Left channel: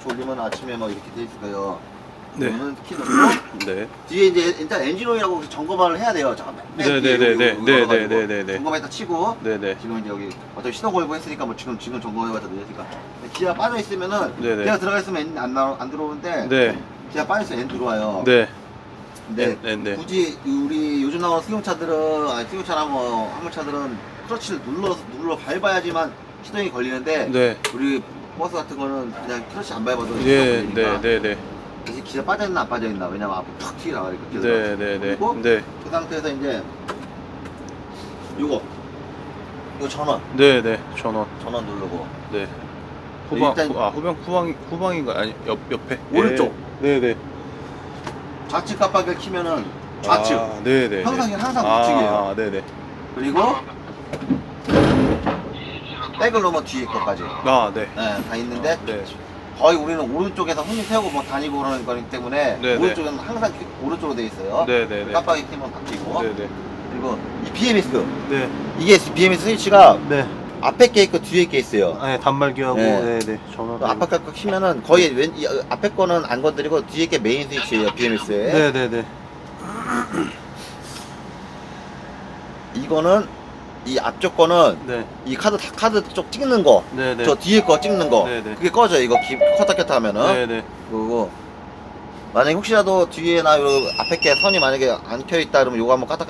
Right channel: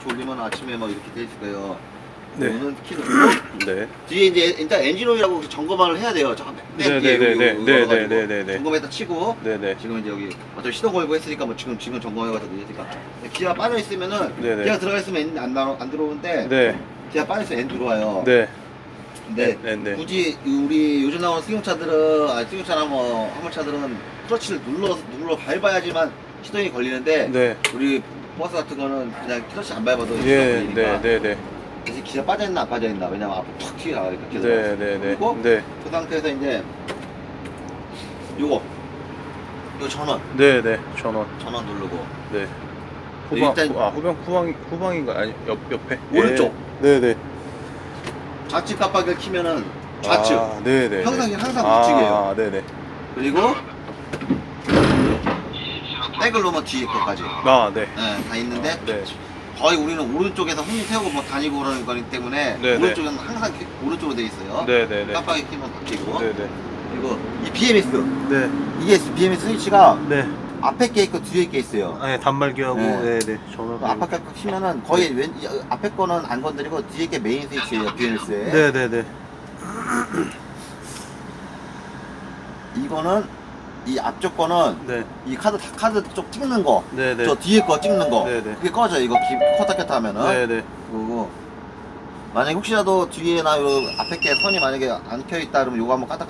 졸리면 아침에 뭐 이렇게 돼 있어요. 네. 키 넣고 네. 뒤에 이제 일단 엔진 오일하고 점검을 해야 돼요. 저맨 네, 뒤에 네, 여기 네, 여기 네, 걸어가지고 네, 네, 네, 네. 점검에다 치고 네 네. 지금 이제 여기 어차피 시동 걸고 했으니까 뭐 지금 지금 점검해가지고 늦으니까 기아 빠져 있으면은 네 네. 기아 들어가 있으면 엔진 안, 나, 안 들어오는데 네. 기아 빠져 있으면 엔 들어와요. 네. 근데 네, 네. 굳이 우리 요즘 나오는 승용차들은 아니 승용차나 뭐 화물차들은 클러치를 눌러 눌러 밟아야지만 시동이 걸리는데 네. 우리 버스 같은 거는 그냥 클러치 안 밟아도 시동 예, 걸리니까 네, 네, 네. 대신 기아 빠져 있나 안 빠져 있나 왜냐면 앞으로 툭 튀어 나가니까 기아 네, 네, 네. 그리고 네. 그 상태에서 이제 요거 이거 전원 네, 네. 전원. 전원 누르고 네. 후방, 일단- 아, 후방, 후방, 후방인가? 아니, 옆, 옆에. 오른쪽. 네, 네. 좌측 깜빡이를 키면은 좌측 아, 네, 네. 항상 항상 아, 우측이에요 아, 네, 네. 그리고 백을 놓으면 뒤에 것까지 아, 네. 예, 다 있는데 네. 거의 우리는 오른쪽에서 손님 태우고 뭐 다니고 그러는 거기 때문에 네, 네. 오른쪽은 항상 키- 오른쪽으로 돼 있어요 네, 네, 네. 깜빡이 키면 바뀌고 네, 네. 그리고 이 BMS 네. 이게 BMS 스위치가 네. 앞에 게 있고 뒤에 게 있어요 아, 단말기하고, 네. 네, 네. 전원. 앞에 거 키면은 거의 왼, 이, 어, 앞에 거는 안 건드리고 뒤에 게 메인 스위치예요 BMS에 네, 네, 네. 이거는 이 앞쪽 거는 네. 이 카드 다 카드 쪽 찍는 거 네, 네. 저 뒤에 거 찍는 거 네, 네. 그게 꺼져요 이거 기, 껐다 켰다 하면은 네, 네. 그리고 만약 에 혹시라도 뒤에나 요 앞에 게 선이 만약에 안 켜 있다 그러면 요거 한번 켰다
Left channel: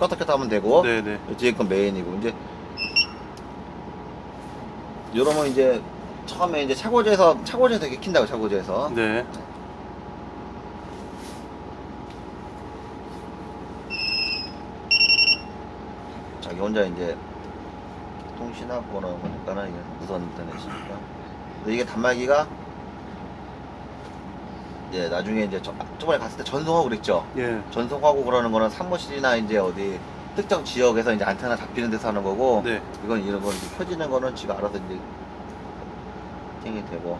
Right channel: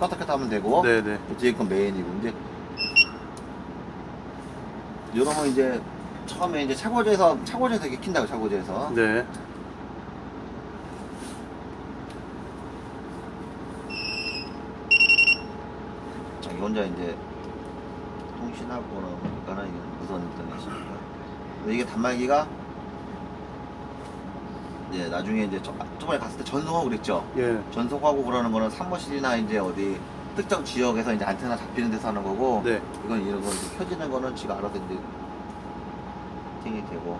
껐다 켰다 하면 되고 네, 네. 요 뒤에 건 메인이고 이제 요러면 이제 처음에 이제 차고지에서 차고지에서 이렇게 킨다고 차고지에서 네. 자기 혼자 이제 통신하거나 뭔가는 이게 무선 인터넷이니까 이게 단말기가 이제 나중에 이제 저, 저번에 갔을 때 전송하고 그랬죠 예. 전송하고 그러는 거는 사무실이나 이제 어디 특정 지역에서 이제 안테나 잡히는 데서 하는 거고 네. 이건 이런 거 이제 켜지는 거는 지가 알아서 이제 세팅이 되고